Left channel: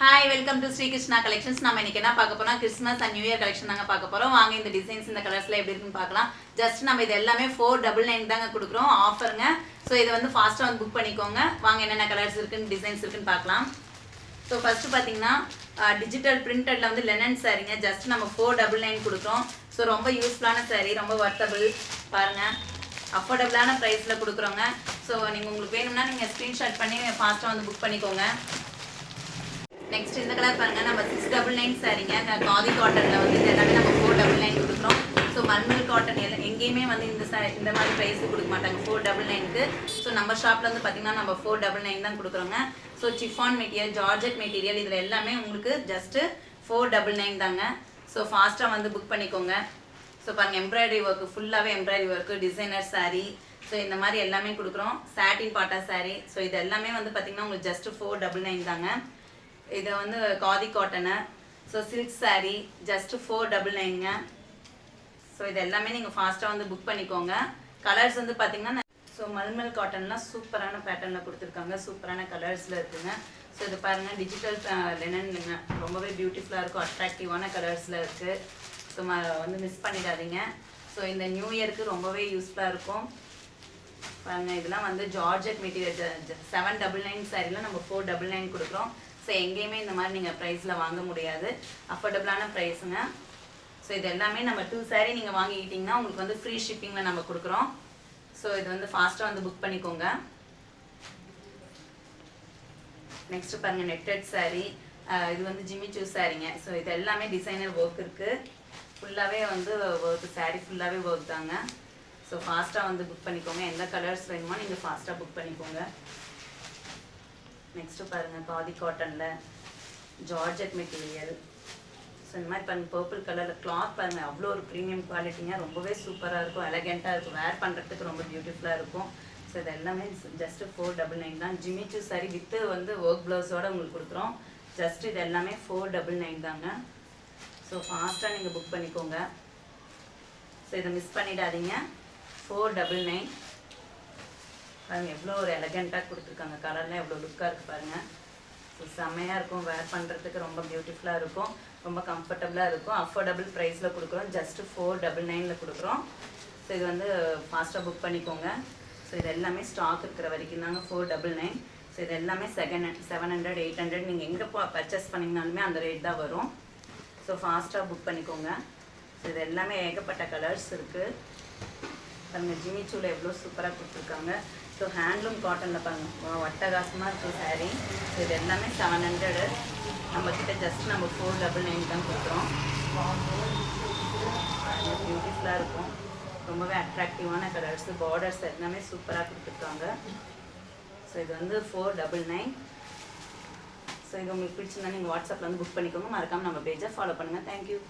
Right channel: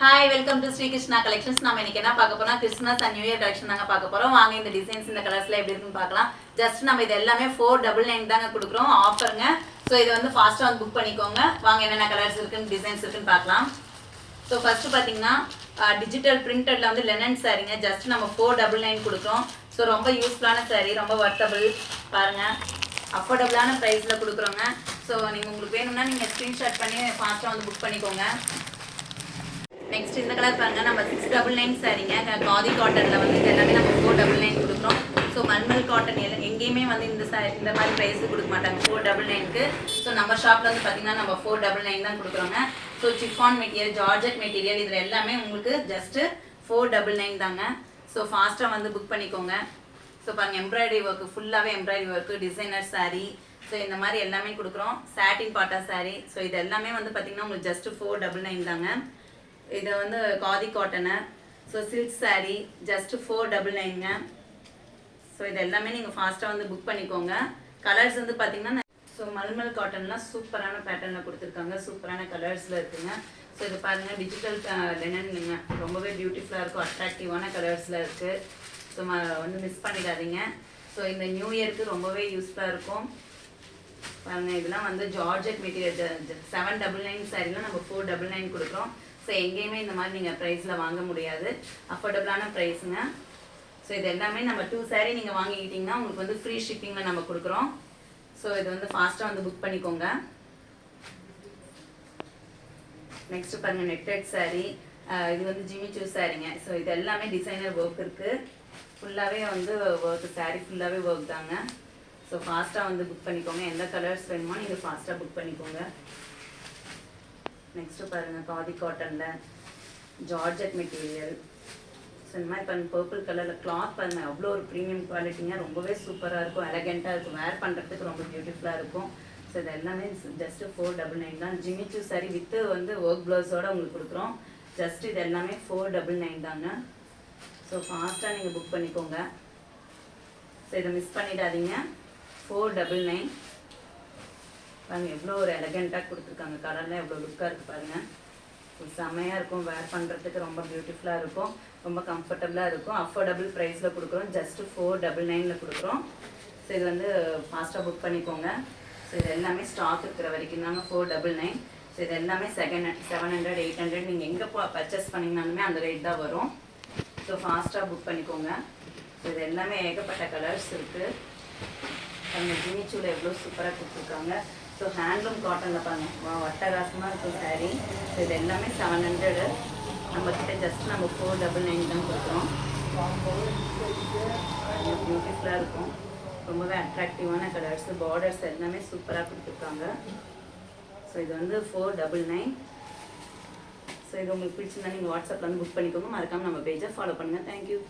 Hi welcome to Shri Krishna collections. நம்ம இன்னைக்கு என்ன பார்க்க போறோம், Christmas and new year collection தாங்க பார்க்க போறோம். வாங்க இந்த டிசைன்ஸ் இந்த கலர்ஸ்ல எப்படி இருக்குன்னு பார்க்கலாம். ஜஸ்ட் நம்ம இது எல்லாமே 499 தாங்க கொடுக்குறோம் ஆஃபருங்க. ஸோ இதை வந்து ஃபாஸ்ட்டாக வந்து புக் பண்ணிக்கோங்க. வாங்க என்னென்ன கலர்ஸ் இருக்குன்னு டிசைன்ஸ் இருக்குன்னு பார்க்கலாம். ஸோ ஃபர்ஸ்ட் பார்த்தீங்கன்னா டிஜிட்டல் பிரிண்டட்ல வந்து லெனன் சாரீங்க. ஜஸ்ட் நம்ம 499 கொடுக்குறோம். ஸோ ரொம்ப யூஸ்ஃபுல்லான சாரீ, ரொம்ப வர்த்தபிள் பாருங்க, அஃபோர்டபுளான ப்ரைஸில் கொடுக்குறோங்க. ஸோ நீங்கள் உங்களுக்கு வேணும்னா நீங்கள் ஸ்க்ரீன்ஷாட் பண்ணி ஃபாஸ்ட்டாக வந்து புக் பண்ணிக்கோங்க. நெக்ஸ்ட் இந்த கலர் பாருங்க, நம்ம 699 சாரீங்க. காதி காட்டனில் வந்து இது எல்லாமே நம்ம 499 கொடுக்குறோம். ஸோ மல்மல் காட்டன் எல்லாம் எங்கேயுமே வந்து இந்த மாதிரி ப்ரைஸ் கொடுக்க மாட்டாங்க 499க்கு. ஸோ நம்ம ஷாப்பில் வந்து பார்த்தீங்கன்னா நம்ம 499 தான் கொடுக்குறோங்க. So chiffon material, georgette material, இதில் எல்லாமே உங்களுக்கு ஜஸ்ட்டு 499 தாங்க. ஸோ ஃபாஸ்ட்டாக வந்து புக் பண்ணிக்கோங்க. ஸோ பாருங்கள், எம்ப்ராய்டரி ஒர்க்கு, ஃபுல்லாகவே embroidery work, designer sari, so இந்த மாதிரி எல்லாமே கொடுக்குறோம். சாட்டின் பாட்டா சாரீ. ஸோ இது எல்லாமே வந்து பார்த்தீங்கன்னா உங்களுக்கு ஜஸ்ட்டு 499 தாங்க. இதை வந்து khadi cotton, so silk sari just 499ங்க. ஸோ இது எல்லாமே நீங்கள் ஃபாஸ்ட்டாக வந்து புக் பண்ணிக்கோங்க. கலர்ஸ் வந்து பார்த்தீங்கன்னா ஸோ மல்மல் காட்டன்லாம் சூப்பரான பேட்டர்னில் கொடுத்துருக்காங்க, சூப்பரான கலர்ஸில் இருக்குங்க. ஸோ இது பாருங்கள், டிஜிட்டல் லெனன்னுங்க, ரொம்பவே பியூட்டிஃபுல்லாக இருக்கும், அட்ராக்டிவான கலர்ஸில் இருக்குது. ஸோ வந்து மிஸ் பண்ணிடாதீங்க. ஸோ இந்த நியூ இயருக்கு ரொம்பவே யூஸ்ஃபுல்லாக இருக்கும் பாருங்கள். இதெல்லாம் வந்து ஜார்ஜெட் மெட்டீரியல் 799 சாரீலாம் நம்ம 499 கொடுக்குறோம். ஸோ எங்கேயுமே இந்த மாதிரி நீங்கள் ப்ரைஸில் வாங்க முடியாது, அஃபோர்டபுளான ப்ரைஸுங்க. ஸோ இது எல்லாமே நம்ம 2 சாரீ நீங்கள் வாங்கிக்கிட்டிங்கன்னா உங்களுக்கு வந்து ஃப்ரீ ஷிப்பிங்கில் நம்ம கொடுக்குறோம். ஸோ இது வந்து ஃபாஸ்ட்டாக வந்து புக் பண்ணிக்கோங்க. நெக்ஸ்ட்டு பாருங்கள், நெட்டட் சாரீ, இது வந்து ஜிம்மி சூ சாரீங்க. ஸோ இது எல்லாமே டிசைனர் ஒர்க் இருக்குது, ஃபுல்லாகவே வந்து ஒர்க்கு, சாரீ ஃபுல்லாகவே ஒர்க் தாங்க. ஸோ ஃபாஸ்ட்டாக வந்து புக் பண்ணிக்கோங்க. எந்த கலர்ஸ் வேணுமோ நீங்கள் ஃபாஸ்ட்டாக புக் பண்ணிக்கோங்க. நெக்ஸ்ட்டு பாருங்கள், காதி காட்டனில் ஜார்ஜெட் மெட்டீரியல். ஸோ இந்த மாதிரி பாருங்கள், பர்பிள் கலரில் கிளாத் பாருங்கள், அவ்வளோ ஒரு ப்ரீமியம் குவாலிட்டிங்க, ரொம்பவே சூப்பராக இருக்கும், எலகெண்ட்டாக இருக்கும், வேர் பண்ணுறதுக்கு ரொம்ப பியூட்டிஃபுல்லாக இருக்கும். ஸோ இது எல்லாமே ஜஸ்ட்டு 499 தான். ஜிம்மி சூ சாரி வித்து வந்து ஒர்க் ப்ளவுஸோடு உங்களுக்கு கொடுக்குறோம். ஜஸ்ட் இது எல்லாமே 499 தாங்க. ஸோ ஃபாஸ்ட்டாக நீங்கள் புக் பண்ணிக்கோங்க. ஸோ இதை மிஸ் பண்ணிடாதீங்க. 499 பாருங்கள், எவ்வளோ ஒரு எலகெண்ட்டாக கொடுத்துருக்காங்க, கலர்லாம் எவ்வளோ லுக்காக இருக்குது பாருங்கள். ஸோ செம்மையாக இருக்கும், வேர் பண்ணுறதுக்கு ரொம்ப பியூட்டிஃபுல்லாக இருக்கும், ரொம்ப கம்ஃபர்டபுளாக இருக்கும், அஃபோர்டபுள் ப்ரைஸில் கொடுக்குறோம். ஜஸ்ட்டு 499 கொடுக்குறோம். ஸோ இது வந்து ஃபாஸ்ட்டாக புக் பண்ணிக்கோங்க. ஸோ இது எல்லாமே ஸ்டாக் இருக்கிற வரைக்கும் தாங்க 499. ஸோ இது எல்லாமே 700 800 நீங்கள் எங்கே பர்ச்சேஸ் பண்ணிங்கனாலுமே அந்த ரேட் தான் வரும். ஸோ ஃபாஸ்ட்டாக புக் பண்ணிக்கோங்க. ஸோ இது எல்லாமே ஏகப்பட்ட கலர்ஸ் இருக்குது. அந்த ஜிம்மி சூவில் எவ்வளோ சூப்பராக கொடுத்துருக்காங்க. ஸோ ஹேண்ட்லூம் காட்டனில் பாருங்கள், வட்டகாசமாக இருக்கும் சாரீ. ஸோ இது எல்லாமே 700. நம்மக்கிட்ட ஜஸ்ட் நம்ம 499 தான் கொடுக்குறோம். பியூட்டிஃபுல்லாக இருக்கும், ரொம்பவே அட்ராக்டிவான கலர்ஸ், பார்டர்ஸ் எல்லாமே சூப்பராக கொடுத்துருக்காங்க. ஸோ இது வந்து 499. ஸோ இது உங்களுக்கு பிடிச்சிருந்தா நீங்கள் வாட்ஸ்அப்பில் வந்து புக் பண்ணிக்கோங்க. மறக்காமல் நம்ம பேஜை ஃபாலோ பண்ணுங்கள். தேங்க்யூ.